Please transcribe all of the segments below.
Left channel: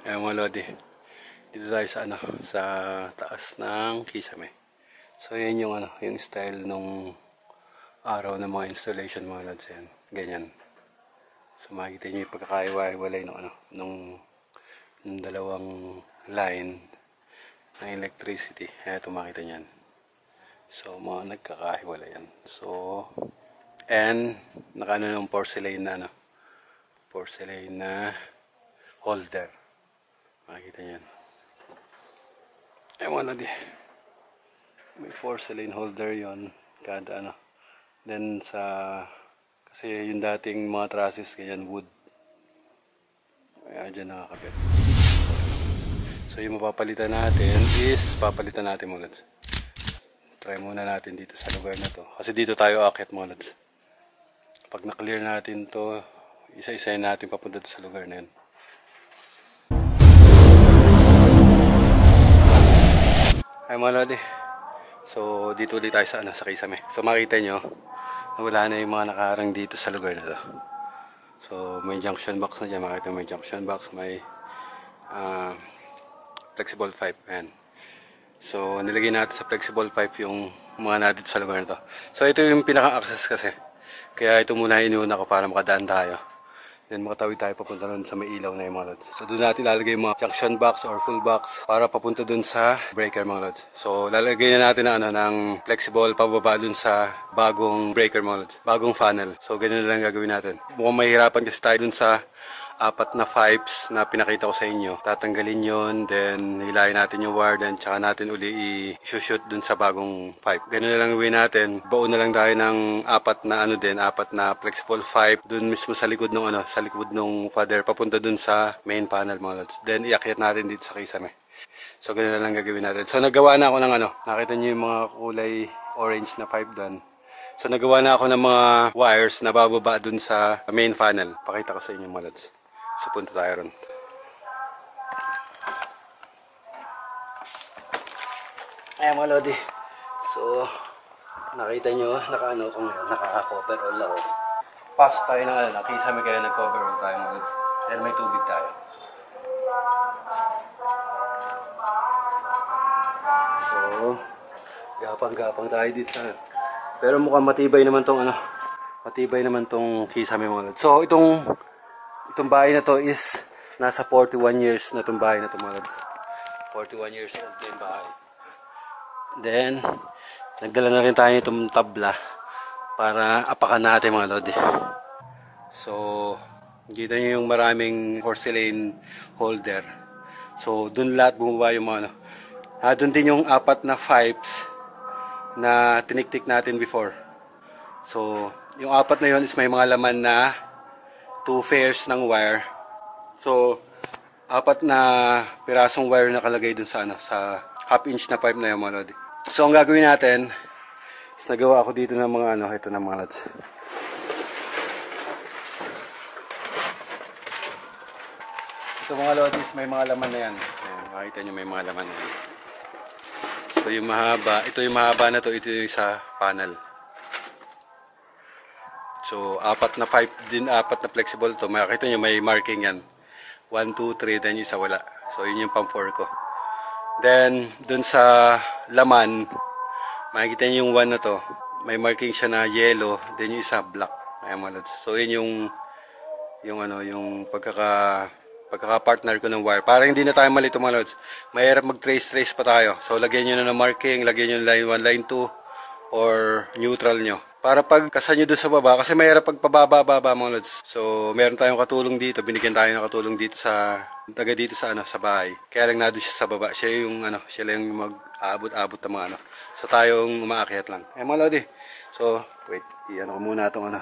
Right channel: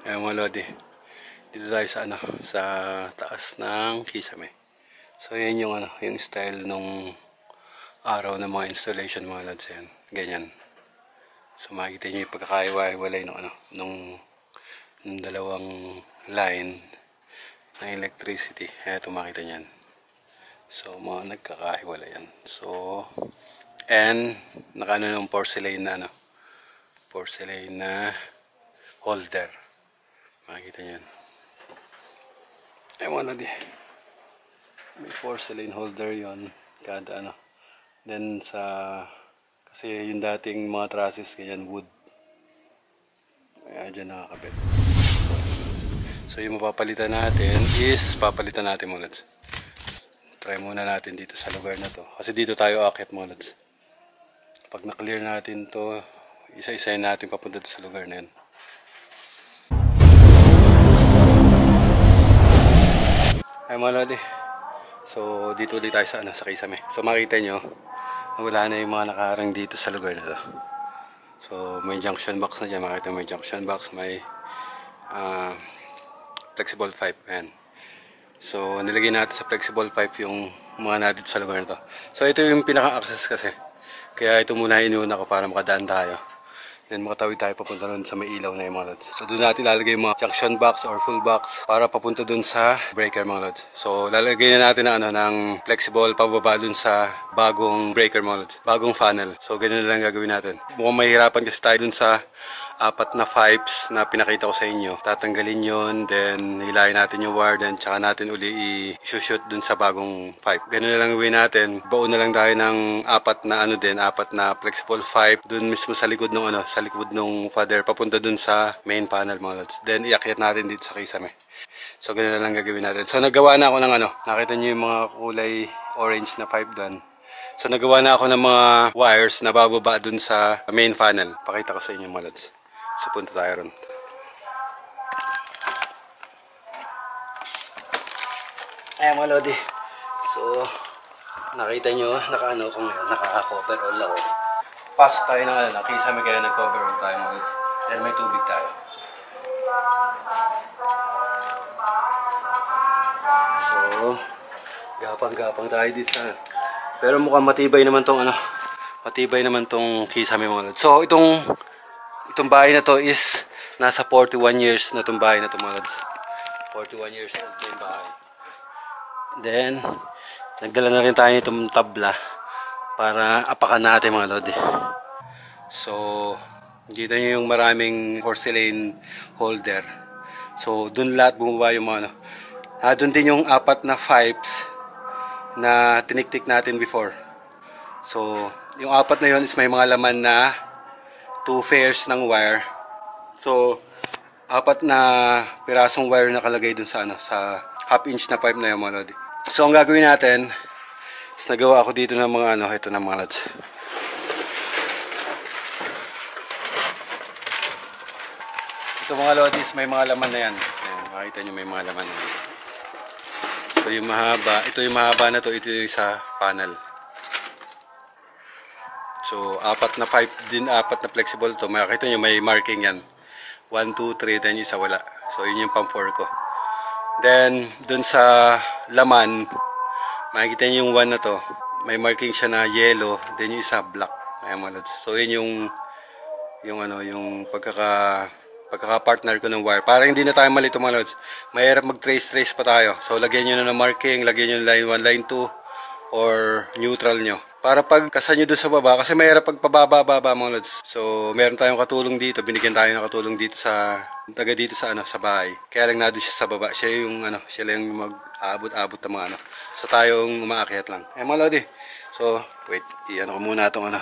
Ayan mga lodi. Dito tayo sa sa taas ng Kisame. So yan yung yung style nung araw ng mga installation mga lods. Yan. Ganyan. So makikita niyo yung pagkakaiwa-iwalay nung dalawang line ng electricity. Ito makita niyan. So mga nagkakahiwalay yan. So and nakaano ng porcelain na holder. Makikita niyan. Ewan na di. May porcelain holder yon kada Then kasi yung dating mga trusses ganyan wood. Kaya dyan nakakabit. So yung mapapalitan natin is papalitan natin mga lods. Try muna natin dito sa lugar na to. Kasi dito tayo aakyat mga lods. Pag na-clear natin to, isa-isayin natin papunta sa lugar na yan. Ay mga lodi. So dito ulit tayo sa Kisame. So makita nyo, wala na yung mga nakaharang dito sa lugar na to. So may junction box na dyan. Makita may junction box, may flexible pipe. Ayan. So nilagay natin sa flexible pipe yung mga natin sa lugar na to. So ito yung pinaka-access kasi. Kaya ito muna inuuna ko para makadaan tayo. Then makatawid tayo papunta doon sa may ilaw na yung mga lods. So doon natin lalagay yung mga junction box or full box para papunta doon sa breaker mga lods. So lalagay na natin ng flexible pababa doon sa bagong breaker mga lods. Bagong funnel. So ganun na lang gagawin natin. Mukhang mahirapan kasi tayo doon sa apat na pipes na pinakita ko sa inyo. Tatanggalin yon, then hilahin natin yung wire, then tsaka natin uli i-shoot dun sa bagong pipe. Ganun na lang gawin natin. Baon na lang tayo ng apat na flexible pipe dun mismo sa likod ng sa likod ng father papunta dun sa main panel mga lods. Then iakyat natin dito sa Kisame. So ganun na lang gagawin natin. So nagawa na ako ng nakita niyo yung mga kulay orange na pipe dun. So nagawa na ako ng mga wires na bababa dun sa main panel. Pakita ko sa inyo mga lods. So punta tayo ron. Ayan mga lodi. So nakita nyo, naka-ano ko ngayon, naka-cover all ako. Pasok tayo ng Kisame kaya nag-cover all tayo mga lods. Dahil may tubig tayo. So gapang-gapang tayo dito sa pero mukhang matibay naman tong matibay naman tong Kisame mga lods. So itong bahay na to is nasa 41 years na itong bahay na to mga lods. 41 years old na yung bahay. Then nagdala na rin tayo itong tabla para apakan natin mga lodi. So kita nyo yung maraming porcelain holder. So dun lahat bumaba yung mga dun din yung apat na pipes na tiniktik natin before. So yung apat na yun is may mga laman na 2 pairs ng wire. So apat na pirasong wire nakalagay dun sa sa half-inch na pipe na yung mga lodi. So ang gagawin natin is nagawa ako dito ng mga ito na mga lods. Ito mga lodis, may mga laman na yan. Ayan, makita nyo may mga laman na yan. So yung mahaba, ito yung mahaba na to, ito yung sa panel. So apat na pipe din, apat na flexible to. Makita nyo may marking yan. 1, 2, 3, then yung isa wala. So yun yung pang 4 ko. Then dun sa laman, makikita nyo yung 1 na to. May marking siya na yellow, then yung isa black. Ayan mga lods. So yun yung pagkaka-partner ko ng wire. Para hindi na tayo malito mga lods. Mahirap mag-trace pa tayo. So lagyan nyo na ng marking, lagyan nyo ng line 1, line 2 or neutral nyo. Para pagkasan nyo doon sa baba, kasi mayroon pagpababa-baba mga lods. So meron tayong katulong dito, binigyan tayo ng katulong dito sa taga dito sa sa bahay. Kaya lang nandoon siya sa baba. Siya yung siya lang yung mag-aabot-abot ng mga So tayong umaakyat lang. Eh mga lodi. So wait, ko muna itong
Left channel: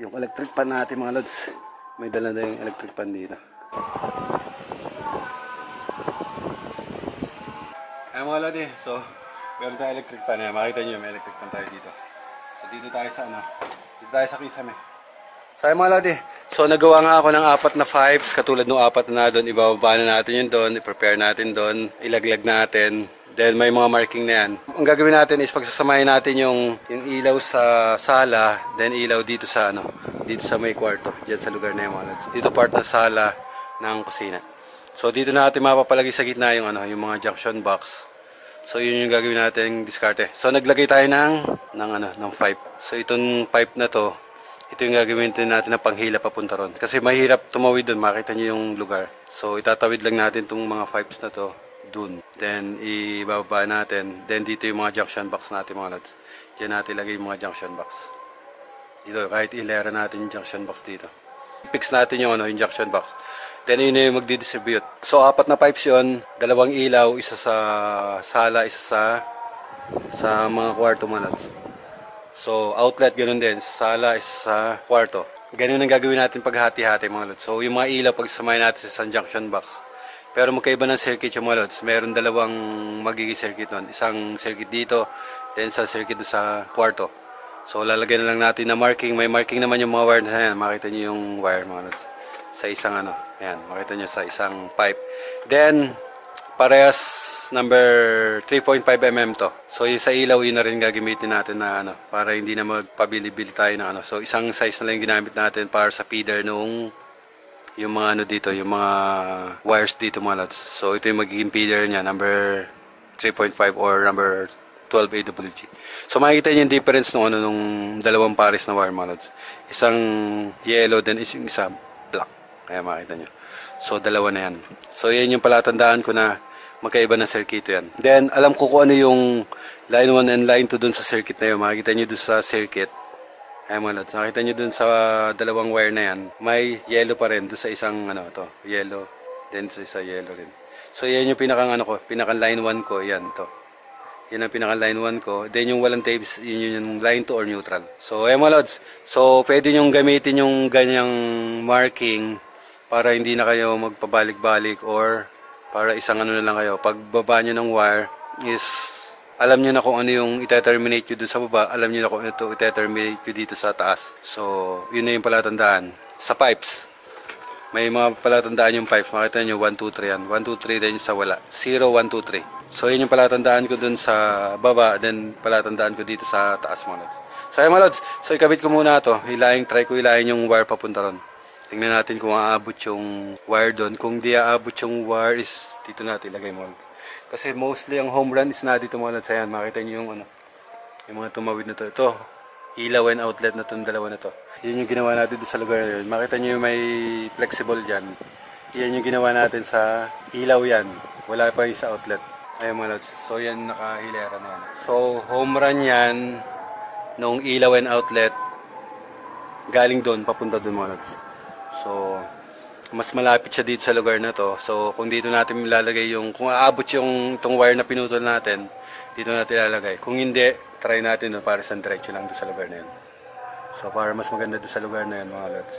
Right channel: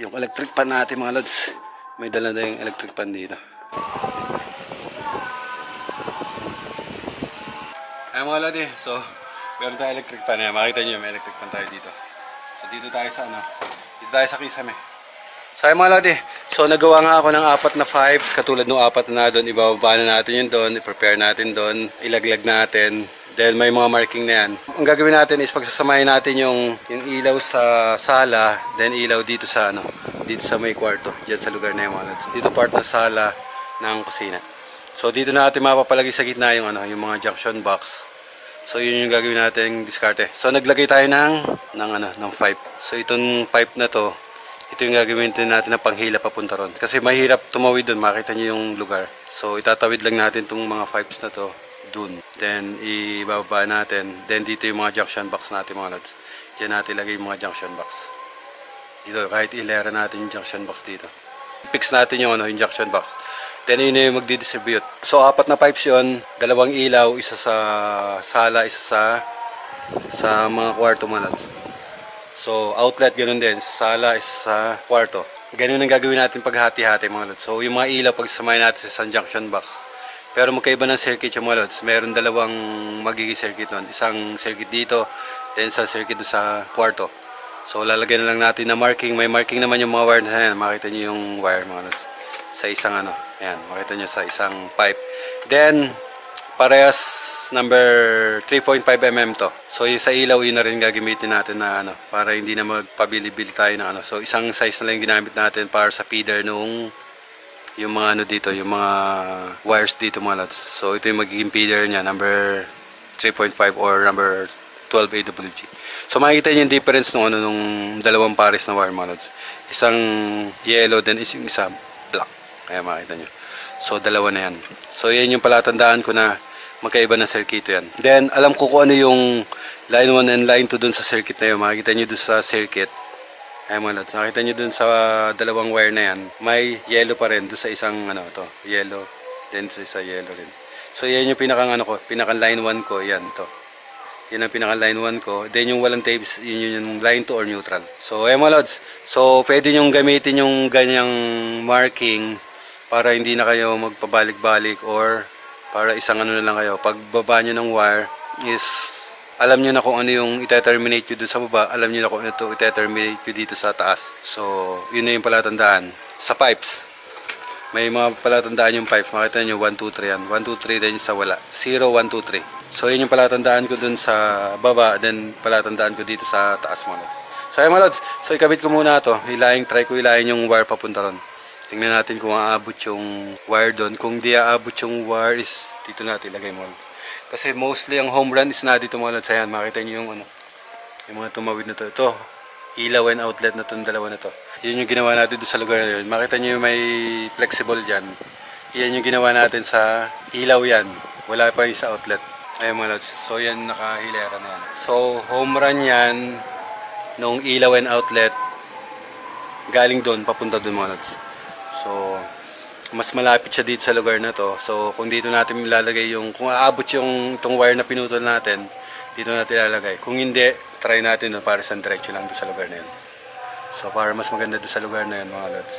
yung electric pan natin mga lods. May dala na yung electric pan dito. Ay mga lodi, so meron tayong electric pan. Makita nyo may electric pan tayo dito. So dito tayo sa dito tayo sa Kisame. So ay mga lodi, so nagawa nga ako ng apat na pipes katulad ng apat na doon. Ibababa na natin yun doon, i-prepare natin doon, ilaglag natin. Then may mga marking na yan. Ang gagawin natin is pagsasamahin natin yung ilaw sa sala, then ilaw dito sa dito sa may kwarto, diyan sa lugar na yung mga lods. Dito part ng sala ng kusina. So dito natin mapapalagay sa gitna yung yung mga junction box. So yun yung gagawin natin diskarte. So naglagay tayo ng pipe. So itong pipe na to, ito yung gagawin natin na panghila papunta ron. Kasi mahirap tumawid doon, makita niyo yung lugar. So itatawid lang natin itong mga pipes na to dun. Then ibababa natin. Then dito yung mga junction box natin mga lods. Diyan natin ilagay yung mga junction box. Dito kahit ilera natin yung junction box dito. Fix natin yung yung junction box. Then yun yung magdi-distribute. So apat na pipes yun, dalawang ilaw, isa sa sala, isa sa mga kwarto mga lods. So outlet ganun din, sa sala, isa sa kwarto. Ganun ang gagawin natin paghati-hati mga lods. So yung mga ilaw pagsamahin natin sa junction box. Pero magkaiba ng circuit yung mga lods. Meron dalawang magiging circuit nun. Isang circuit dito, then isang circuit doon sa kwarto. So lalagyan na lang natin na marking. May marking naman yung mga wire na yan. Makita nyo yung wire mga lods. Sa isang ayan, makita nyo sa isang pipe. Then, parehas number 3.5 mm to. So yung sa ilaw, yun na rin gagamitin natin na para hindi na magpabili-bili tayo ng So isang size na lang yung ginamit natin para sa feeder nung yung mga dito, yung mga wires dito mga lods. So ito yung magiging feeder niya, number 3.5 or number 12 AWG. So makikita niyo yung difference nung dalawang pares na wire mga lods. Isang yellow, then isa black. Kaya makita nyo. So dalawa na yan. So yan yung palatandaan ko na magkaiba na circuit yan. Then alam ko kung ano yung line 1 and line 2 dun sa circuit na yun. Makikita nyo dun sa circuit. Ay mga lods, nakita nyo dun sa dalawang wire na yan. May yellow pa rin dun sa isang yellow. Then sa isa yellow rin. So yan yung pinakang pinakang line 1 ko. Yan to. Yan ang pinaka line 1 ko. Then yung walang tapes, yun yung line 2 or neutral. So ayan mga lods. So pwede nyong gamitin yung ganyang marking para hindi na kayo magpabalik-balik or para isang na lang kayo. Pag baba nyo ng wire is alam nyo na kung ano yung ite-terminate nyo dun sa baba. Alam nyo na kung ito ite-terminate nyo dito sa taas. So yun na yung palatandaan. Sa pipes, may mga palatandaan yung pipes. Makita nyo 1, 2, 3 yan. 1, 2, 3 then sa wala. 0, 1, 2, 3. So yun yung palatandaan ko dun sa baba, then palatandaan ko dito sa taas mga lods. So ayun mga lods, so ikabit ko muna to. Try ko hilahin yung wire papunta ron. Tingnan natin kung aabot yung wire doon. Kung di aabot yung wire is dito natin ilagay mga lods. Kasi mostly ang home run is na dito mga lods. Ayan, makita nyo yung yung mga tumawid na to. Ito, ilaw and outlet na itong dalawa na to. Yun yung ginawa natin doon sa lugar na yun. Makita nyo yung may flexible dyan. Yan yung ginawa natin sa ilaw yan. Wala pa yung sa outlet. Ayun mga lods. So yan nakahilera na yan. So home run yan nung ilaw and outlet galing doon papunta doon mga lods. So mas malapit siya dito sa lugar na to. So kung dito natin ilalagay kung aabot yung itong wire na pinutol natin, dito natin ilalagay. Kung hindi, try natin doon para sa diretso lang doon sa lugar na yun. So para mas maganda doon sa lugar na yun mga lods.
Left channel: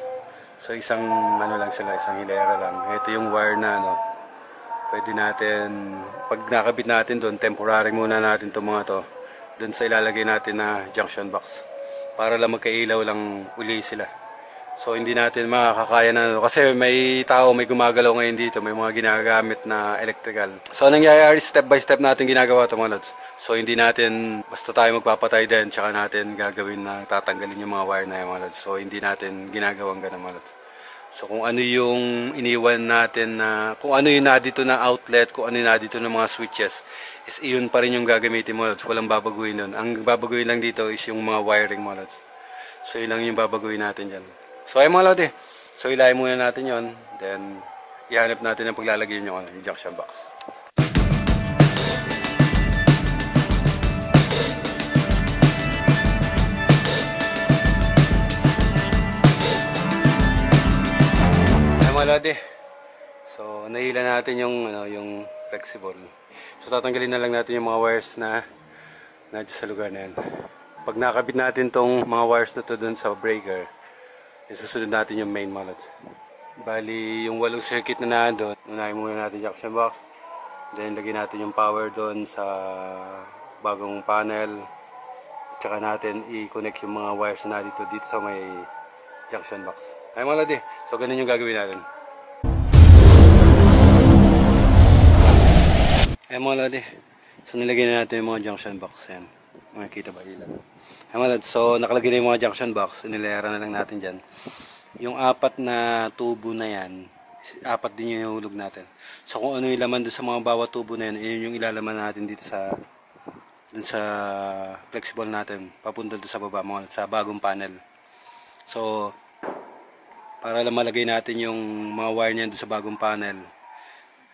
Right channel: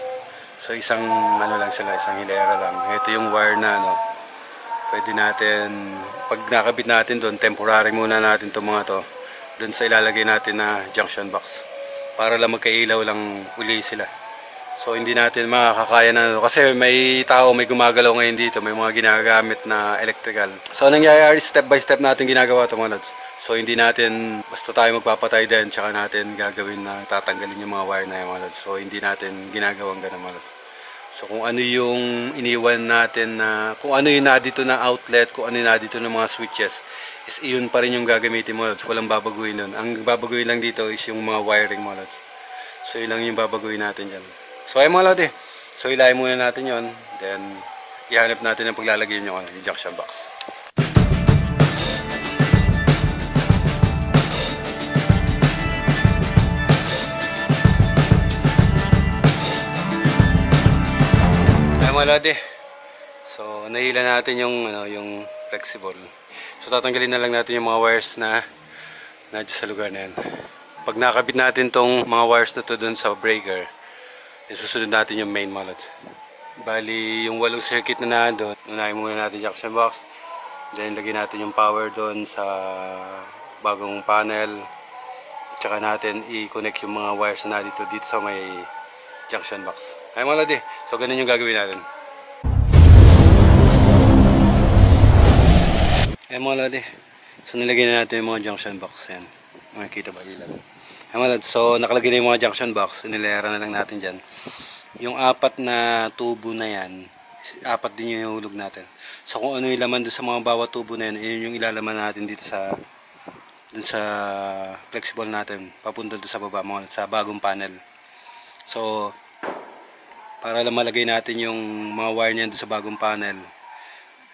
So isang lang sila, isang hilera lang. Ito yung wire na pwede natin, pag nakabit natin doon, temporary muna natin itong mga to. Doon sa ilalagay natin na junction box. Para lang magkailaw lang uli sila. So hindi natin makakaya na kasi may tao, may gumagalaw ngayon dito, may mga ginagamit na electrical. So nangyayari step by step natin ginagawa ito mga lods. So hindi natin basta tayo magpapatay din, tsaka natin gagawin na tatanggalin yung mga wire na yung mga lods. So hindi natin ginagawang ganun mga lods. So kung ano yung iniwan natin na, kung ano yung nadito na outlet, kung ano yung nadito na mga switches, is iyon pa rin yung gagamitin mo lods. Walang babaguhin nun. Ang babaguhin lang dito is yung mga wiring mo lods. So yun lang yung babaguhin natin dyan. So ay mga lods So ilayin muna natin yon. Then ihanap natin ang paglalagay yung junction box. Mga lodi. So nahila natin yung flexible. So tatanggalin na lang natin yung mga wires na sa lugar na yan. Pag nakabit natin tong mga wires na to dun sa breaker, isusunod natin yung main mga lods. Bali yung 8 circuit na doon, unahin muna natin yung junction box. Then lagyan natin yung power doon sa bagong panel. Tsaka natin i-connect yung mga wires na dito sa may junction box. Ay mga lodi, so ganun yung gagawin natin. Ay mga lodi, so nilagay na natin yung mga junction box. Yan, makikita ba ilaw? Ay mga lodi, so nakalagay na yung mga junction box, nilera na lang natin dyan. Yung 4 na tubo na yan, apat din yung ihulog natin. So kung ano yung laman doon sa mga bawat tubo na yun, yun yung ilalaman natin dito sa dun sa flexible natin, papunta doon sa baba, mga sa bagong panel. So para lang malagay natin yung mga wire niyan doon sa bagong panel.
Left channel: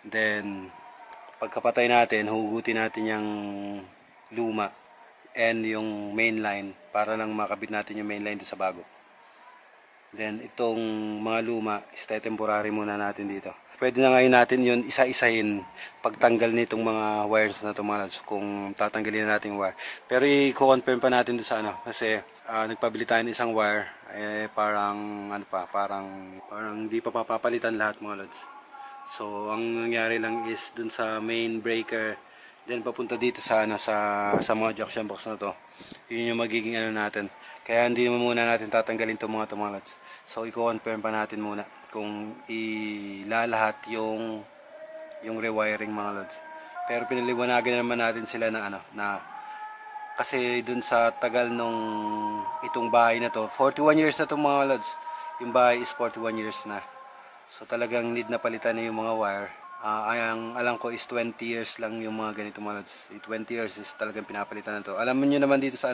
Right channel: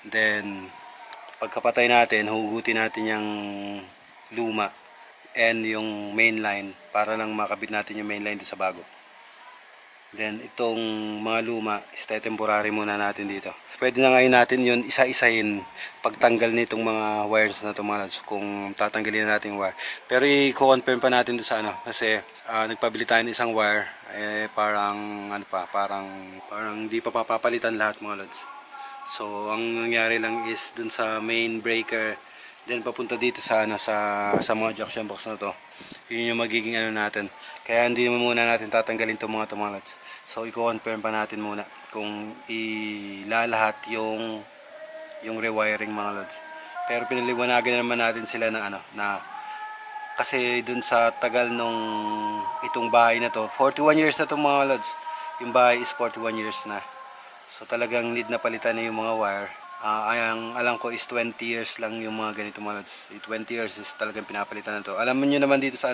Then pagkapatay natin, hugutin natin yung luma and yung main line para lang makabit natin yung main line doon sa bago. Then itong mga luma is temporary muna natin dito. Pwede na ngayon natin yun isa-isahin pagtanggal nitong mga wires na ito, mga lads, kung tatanggalin na natin yung wire. Pero i-confirm pa natin doon sa ano, kasi nagpabili tayo ng isang wire, parang hindi pa papapalitan lahat, mga lods. So ang nangyari lang is dun sa main breaker, then papunta dito sa mga junction box na to. Yun yung magiging ano natin. Kaya hindi muna natin tatanggalin itong mga lods. So i-confirm pa natin muna kung ilalahat yung rewiring, mga lods. Pero pinaliwanagan naman natin sila na kasi dun sa tagal nung itong bahay na to, 41 years na to, mga lods. Yung bahay is 41 years na. So talagang need na palitan na yung mga wire. Ang alam ko is 20 years lang yung mga ganito, mga lods. 20 years is talagang pinapalitan na to. Alam niyo naman dito sa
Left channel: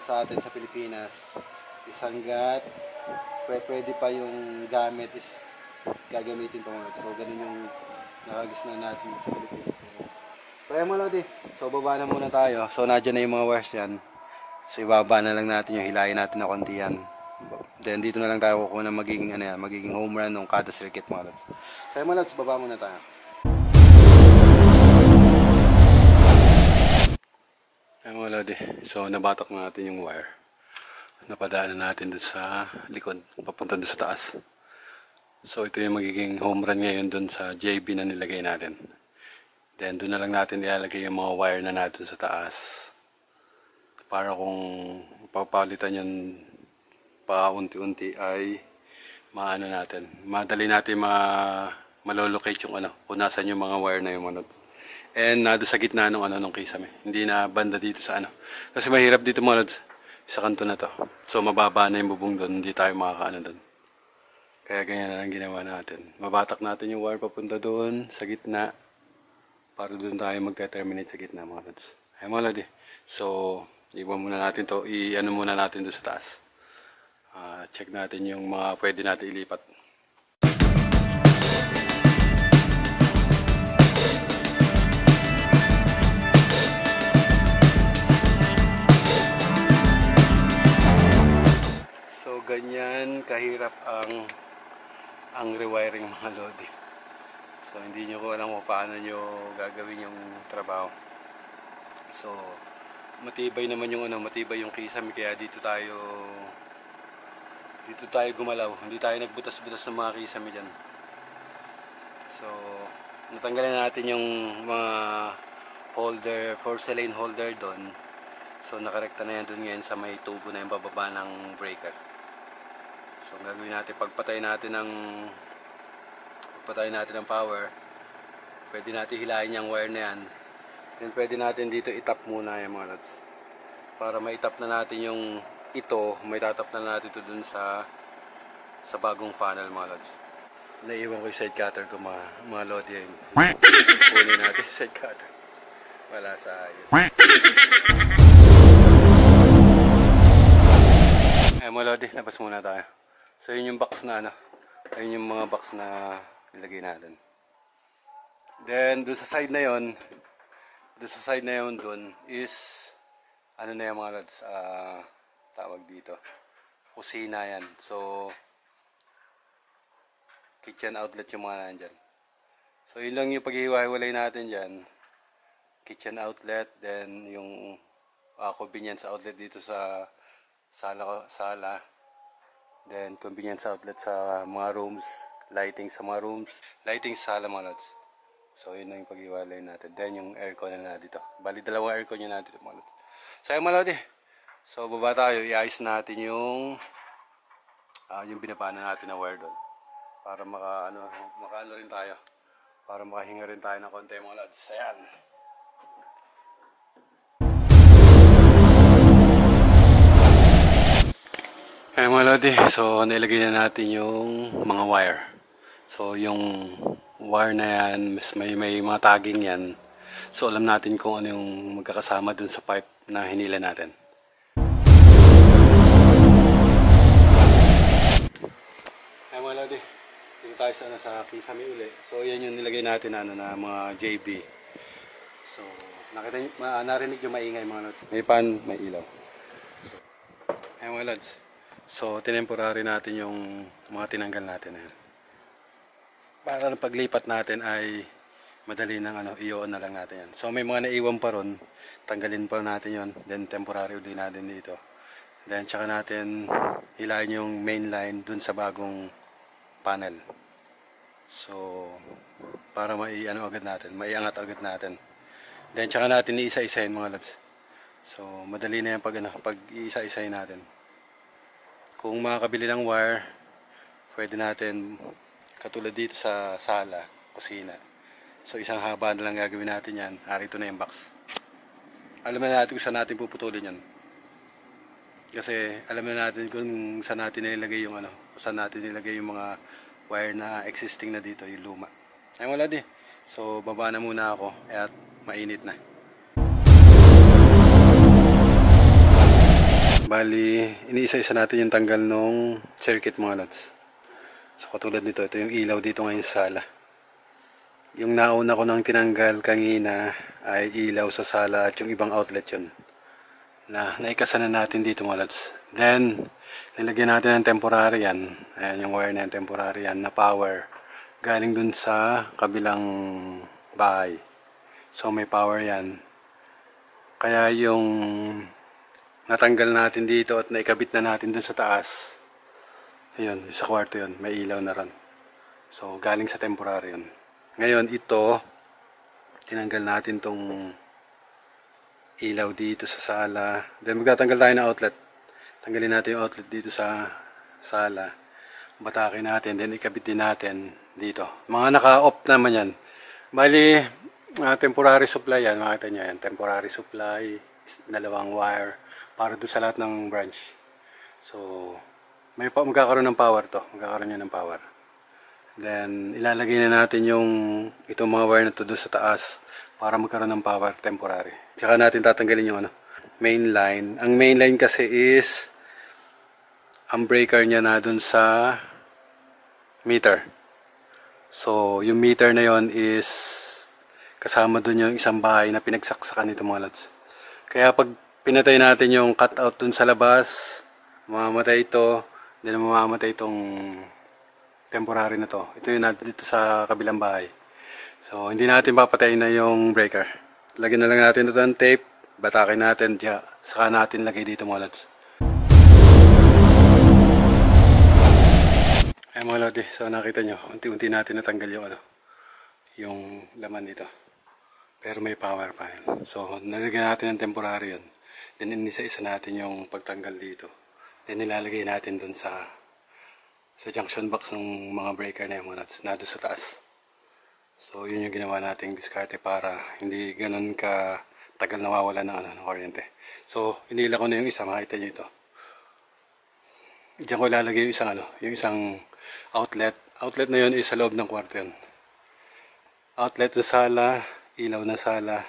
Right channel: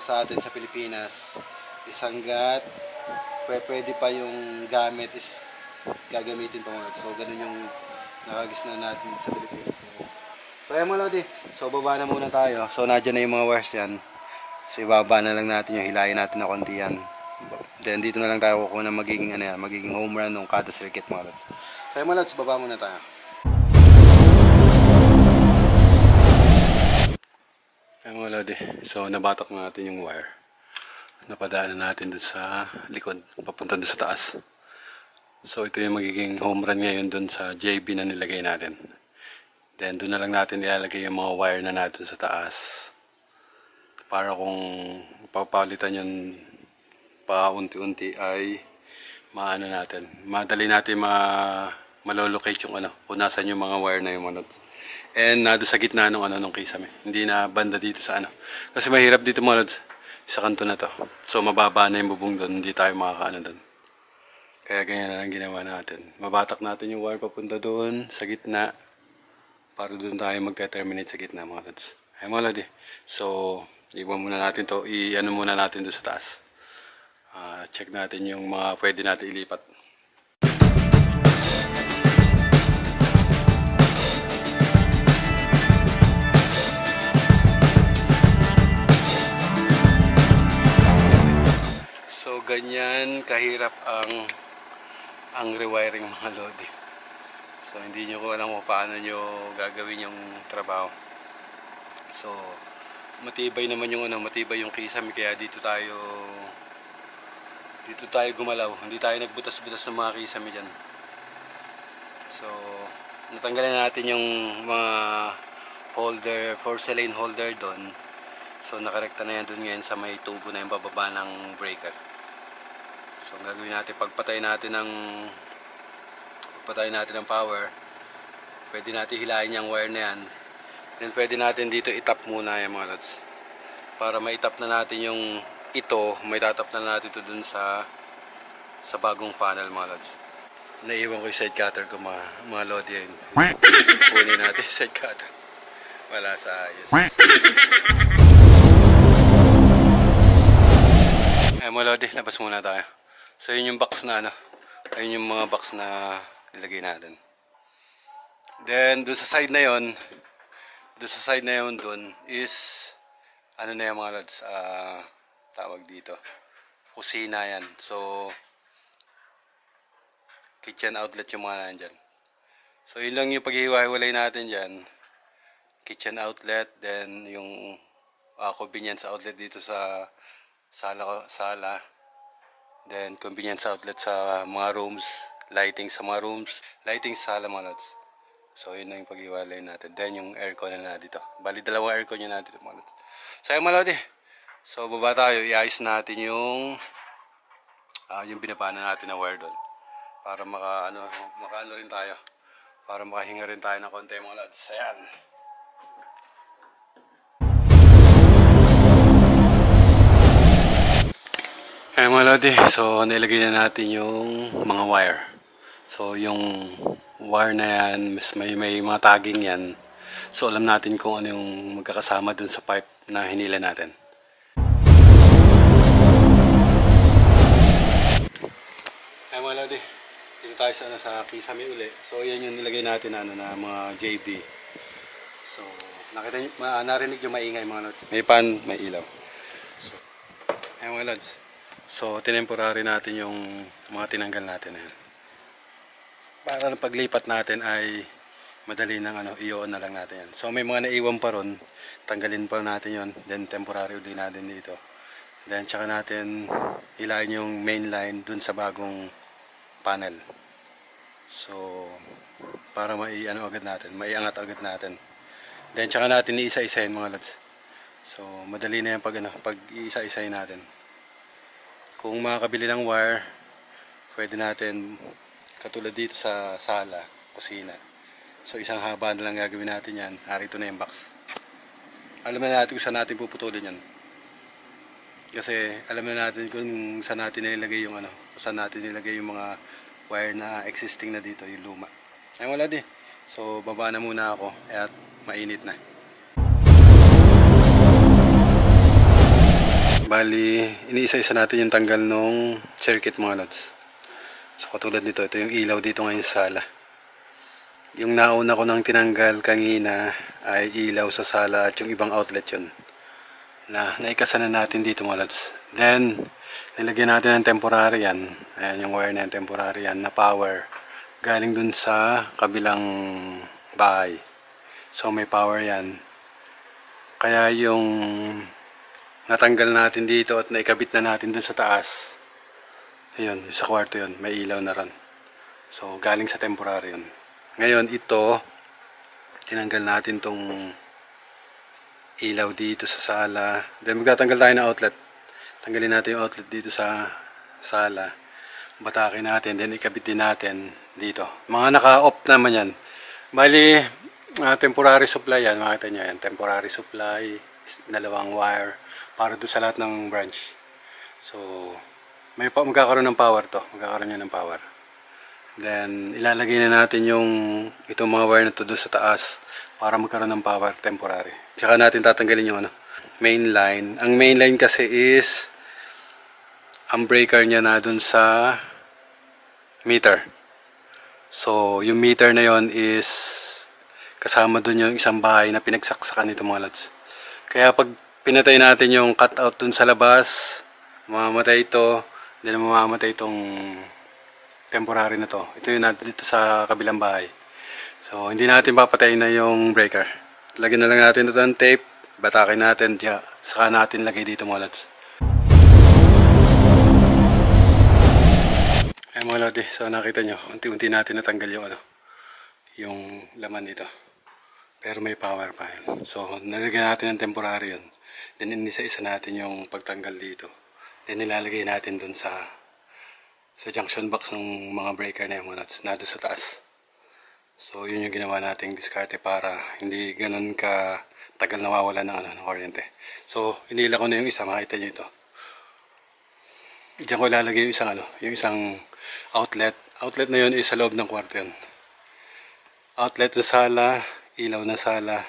sa atin sa Pilipinas, is hanggat pwede pa yung gamit is gagamitin pa, mga lods. So ganun yung nakagisna natin sa Pilipinas. So ayan, mga lodi. So baba na muna tayo. So nandiyan na yung mga wires yan. So ibaba na lang natin yung hilayin natin na konti yan. Then dito na lang tayo kukuha ng magiging home run ng kada circuit, mga lods. So ayan, mga lods, baba muna tayo. Ayan, mga lodi. So nabatak natin yung wire. Napadaanan natin doon sa likod, papunta doon sa taas. So ito yung magiging home run ngayon doon sa JB na nilagay natin. Then doon na lang natin ilalagay yung mga wire na natin sa taas. Para kung papalitan yun pa unti-unti ay maano natin. Madali natin malolocate yung kung nasan yung mga wire na yung mga lods. And nado sa gitna ng kisame. Hindi na banda dito sa Kasi mahirap dito, mga lods, sa kanto na to. So mababa na yung bubong doon, hindi tayo makakaano doon. Kaya ganyan na lang ginawa natin. Mabatak natin yung wire papunta doon sa gitna. Para doon tayo magte-terminate sa gitna, mga lods. Ay, mga lodi. So, iwan muna natin to. Muna natin doon sa taas. Check natin yung mga pwede natin ilipat. So, ganyan kahirap ang rewiring, mga lodi. So hindi nyo ko alam kung paano nyo gagawin yung trabaho. So matibay naman yung matibay yung kisame, kaya dito tayo gumalaw. Hindi tayo nagbutas-butas ng mga kisame dyan. So natanggalan natin yung mga holder, porcelain holder doon. So nakarekta na yan doon ngayon sa may tubo na yung bababa ng breaker. So ang gagawin natin, pagpatay natin ng power, pwede natin hilahin yung wire na yan. Then pwede natin dito itap muna yung mga lods. Para maitap na natin yung may tatap na natin ito dun sa bagong panel, mga lods. Naiwan ko yung side cutter ko, mga lodi yun. Kunin natin yung side cutter. Wala sa ayos. Ay, mga lodi, labas muna tayo. So yun yung box na ayun yung mga box na nilagay natin. Then doon sa side na yon, doon is na yung mga lods, tawag dito, kusina yan. So kitchen outlet yung mga nandyan. So yun lang yung paghihiwa-hiwalay natin dyan. Kitchen outlet, then yung convenience outlet dito sa sala. Then convenience outlet sa mga rooms, lighting sa mga rooms, lighting sa sala, mga lods. So yun na yung pag-iwalay natin. Then yung aircon na dito. Bali dalawang aircon yun na dito, mga lods. So yung mga lodi. So baba tayo, iayos natin yung binabana natin na wire doon. Para makaano rin tayo. Para makahinga rin tayo ng konti, mga lods. Ayan. Ay mga lodi, so nilagay na natin yung mga wire. So yung wire na yan, may mga tagging yan. So alam natin kung ano yung magkakasama dun sa pipe na hinila natin. Ay mga lodi, dito tayo sa kisame uli. So yan yung nilagay natin na mga JB. So nakita nyo, narinig yung maingay mga lods. May pan, may ilaw. So, ay mga lods. So, tinemporary natin yung mga tinanggal natin na yan. Para na paglipat natin ay madali ng i-on na lang natin yan. So, may mga naiwan pa ron. Tanggalin pa natin yon. Then, temporary uli natin dito. Then, tsaka natin ilayin yung main line dun sa bagong panel. So, para agad natin, maiangat agad natin. Then, tsaka natin iisa-isahin mga lods. So, madali na yan pag iisa-isahin natin. Kung makakabili ng wire, pwede natin katulad dito sa sala, kusina. So isang haba na lang gagawin natin yan. Ito na yung box. Alam na natin kung saan natin puputulin yan. Kasi alam na natin kung saan natin nilagay yung kung saan natin nilagay yung mga wire na existing na dito, yung luma. Ay wala di. So baba na muna ako at mainit na. Bali, iniisa-isa natin yung tanggal nung circuit mga lods. So katulad nito, ito yung ilaw dito ngayon sa sala. Yung nauna ko nang tinanggal kanina ay ilaw sa sala at yung ibang outlet yun. Naikasa na natin dito mga lods. Then, nilagyan natin ng temporary yan. Ayan yung wire na yan, temporary yan na power. Galing dun sa kabilang bahay. So may power yan. Kaya yung natanggal natin dito at naikabit na natin dun sa taas. Ayun, sa kwarto yun, may ilaw na ron. So, galing sa temporary yun. Ngayon, ito, tinanggal natin tong ilaw dito sa sala. Then, magtatanggal tayo ng outlet. Tanggalin natin yung outlet dito sa sala. Batakin natin, then ikabit din natin dito. Mga naka-off naman yan. Bali, temporary supply yan, makita nyo yan. Temporary supply, dalawang wire, para doon sa lahat ng branch. So, magkakaroon ng power to. Magkakaroon yan ng power. Then, ilalagay na natin itong mga wire na to doon sa taas para magkaroon ng power temporary. Tsaka natin tatanggalin yung main line. Ang main line kasi is ang breaker niya na doon sa meter. So, yung meter na yon is kasama doon yung isang bahay na pinagsaksakan nito mga lods. Kaya pag pinatay natin yung cutout dun sa labas, mamamatay ito, then mamamatay itong temporary na to. Ito yung dito sa kabilang bahay. So, hindi natin papatayin na yung breaker. Lagyan na lang natin ito ng tape, batakin natin, saka natin lagay dito mga lods. Ay mga lodi, so nakita nyo, unti-unti natin natanggal yung laman dito. Pero may power pa yun. So, nalagyan natin ng temporary yun. Then, inisa-isa natin yung pagtanggal dito. Then, nilalagay natin dun sa junction box ng mga breaker na yung na doon sa taas. So, yun yung ginawa nating diskarte para hindi ganun ka tagal nawawala ng kuryente. So, inila ko na yung isa, makita nyo ito. Diyan ko ilalagay yung isang outlet. Outlet na yun is sa loob ng kwarto yun. Outlet na sala, ilaw na sala,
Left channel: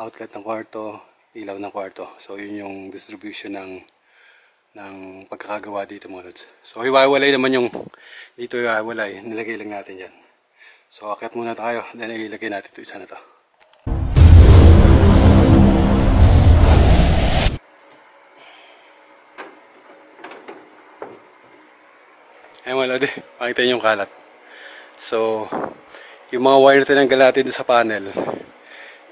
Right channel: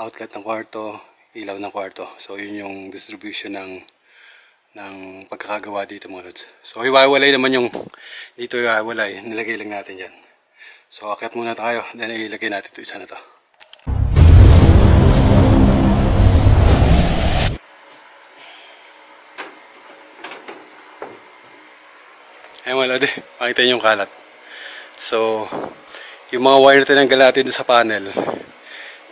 outlet ng kwarto, ilaw ng kwarto. So yun yung distribution ng pagkakagawa dito mga lods. So hiwalay naman yung dito hiwalay, nilagay lang natin yan. So akyat muna tayo, then ilagay natin ito isa na to. Ayun mga lodi, makita nyo yung kalat. So yung mga wire na tinanggal natin sa panel,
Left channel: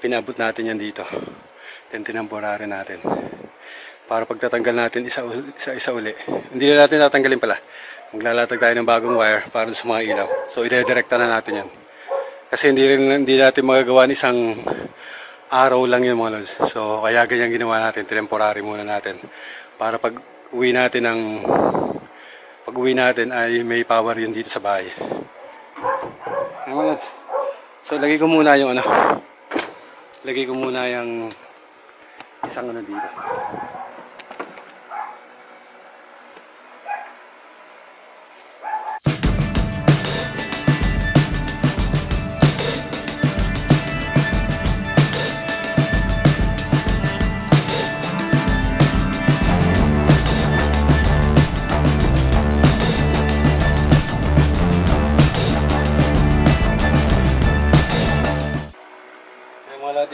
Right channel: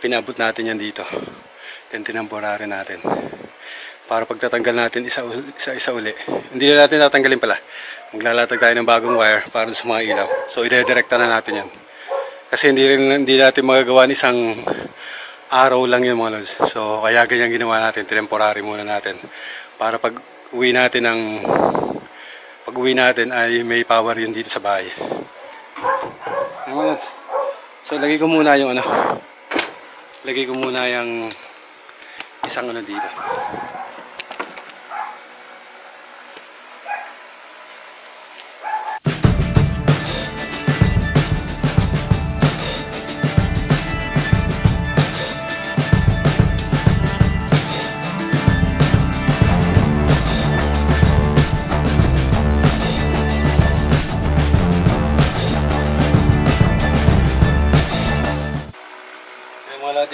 pinabot natin yan dito. Then tinamporary natin. Para pagtatanggal natin isa-isa uli. Hindi na natin tatanggalin pala. Maglalatag tayo ng bagong wire para sa mga ilaw. So ide-direkta na natin yan. Kasi hindi natin magagawa ng isang araw lang yun mga lods. So kaya ganyan ginawa natin. Temporary muna natin. Para pag uwi natin ay may power yun dito sa bahay. So lagay ko muna yung isang dito.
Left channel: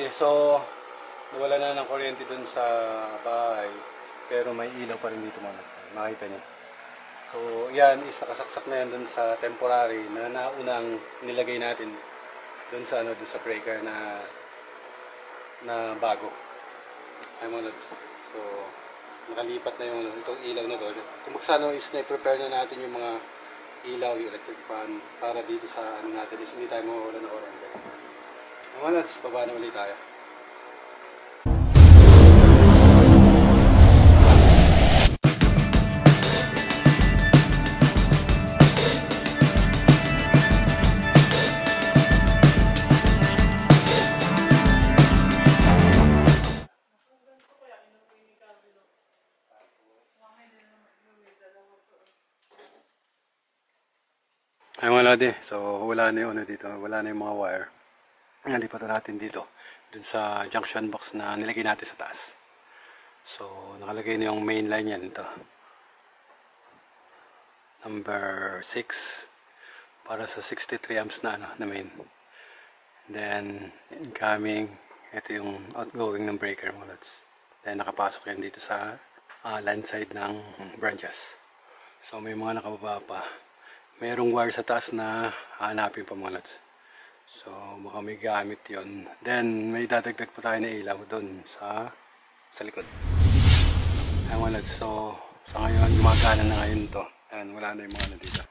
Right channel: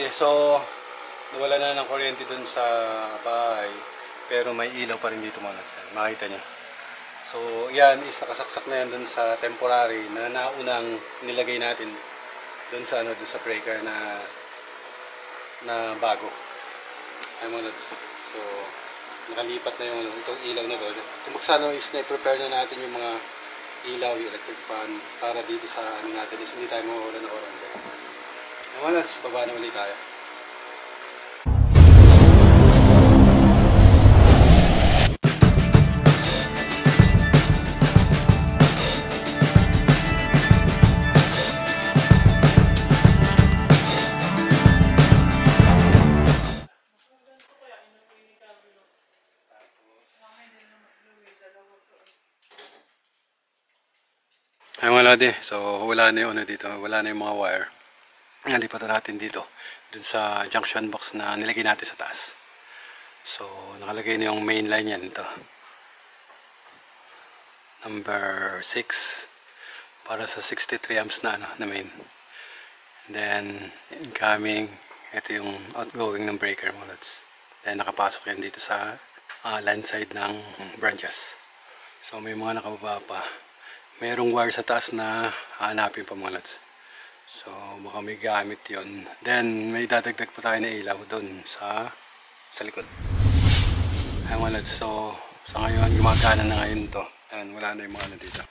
Lodi, so nawala na ng kuryente dun sa bahay, pero may ilaw pa rin dito mga lods. Makita nyo. So yan is nakasaksak na yan dun sa temporary na naunang nilagay natin dun sa dun sa breaker na bago. Ay mga lods. So nakalipat na yung itong ilaw na to. Kung magsano is na-prepare na natin yung mga ilaw, yung electric fan para dito sa natin is hindi tayo mawawala ng kuryente. Ay mga lods, baba na ulit tayo. Ay mga lodi, so wala na yung dito, wala na yung mga wire. Nalipat na natin dito, dun sa junction box na nilagay natin sa taas. So nakalagay na yung main line yan, ito. Number 6, para sa 63 amps na, na main. And then incoming, ito yung outgoing ng breaker mga lods. Then nakapasok yan dito sa land side ng branches. So may mga nakababa pa. Mayroong wire sa taas na hahanapin pa mga lods. So baka may gamit yon. Then may dadagdag pa tayo na ilaw doon sa likod. Ay mga lods, so sa ngayon gumagana na ngayon to. And wala na yung mga dito.